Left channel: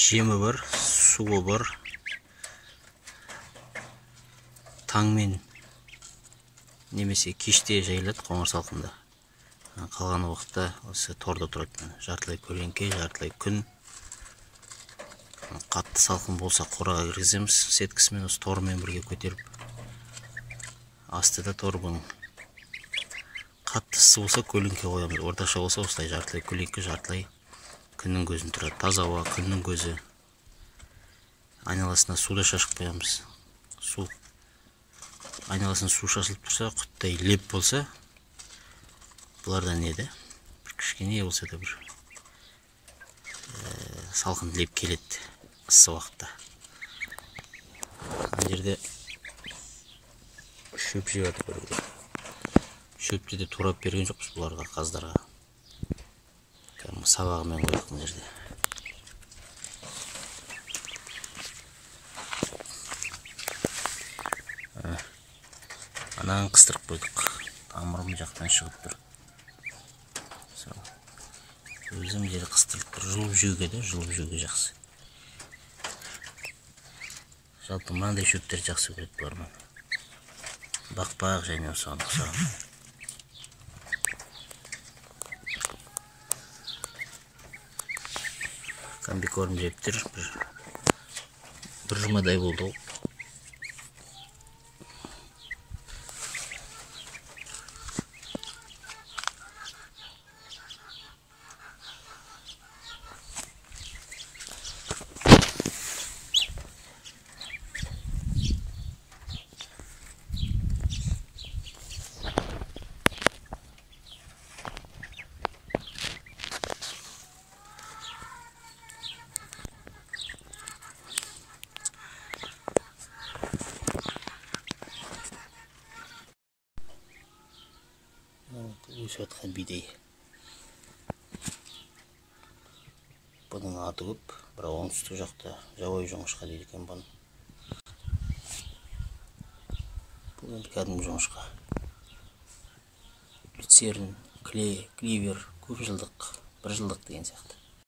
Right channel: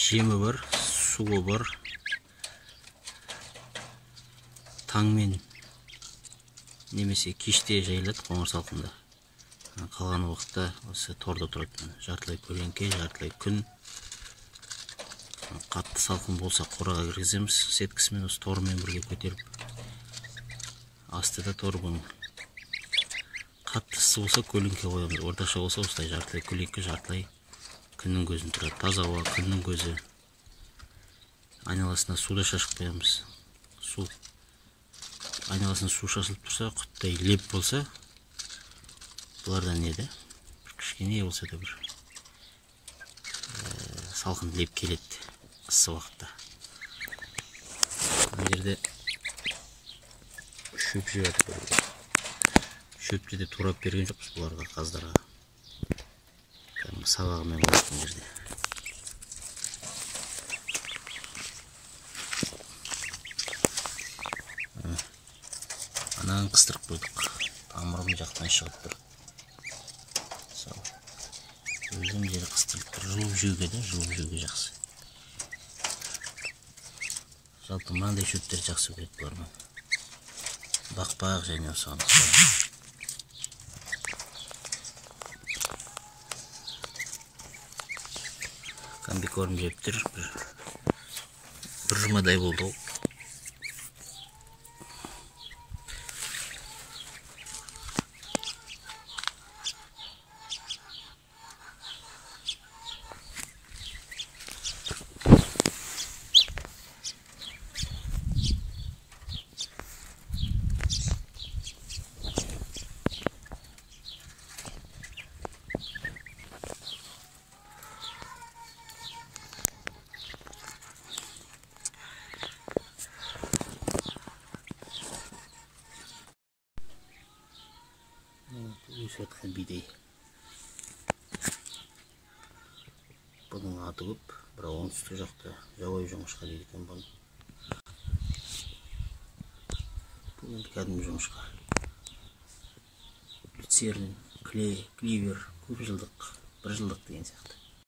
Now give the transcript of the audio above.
Жемі бар, суы бар. Таңмен немесе кеште жайылады қоңыр салқында. Қалған уақытта осы торда тұрады. Жартылай көлеңке, жартылай күн. Қатты салқын болса қораға кіргіземіз. Сеткісімен осы тормен бірге көтеріп. Астыда тор бұның. Қатты ыссы болса көлеңке қоямыз. Орташа болса осылай жартылай көлеңке, жартылай күннің көзін тұрады. Таза ауа, күннің көзі. Айналасына суда шашып қоямыз. Айналасына су шашылып тұрса, құттай леп болса, бұлардан еді. Бір кішкене болса да бір салқын леп келеді ыссы уақытта. Ана жерде шөп жеп жатыр. Шөпті де турап берген жоқпыз бұларға, қаздарға. Сабағымен қойып мына жерде. Ананы қыстырып қойдық. Тамырым жақтан шығып тұр. Өзім жері қыстырып тұр. Жылып жеуге де, жылып жеуге жақсы. Жалпы мынандай шөптер жақсы көреді бұлармен. Бақпақ және соны қыстырам. Комбикорм жептір. Бір жұмадай болды. Өсіп жатқан бидей. Бұның аты көп, бірақ оңтүстік жақта жабайы жоңышқа дейді екен бұны. Бұл енді кәдімгі жоңышқа. Люцерн, кливер, көп жылдық, бір жылдық деген сияқты.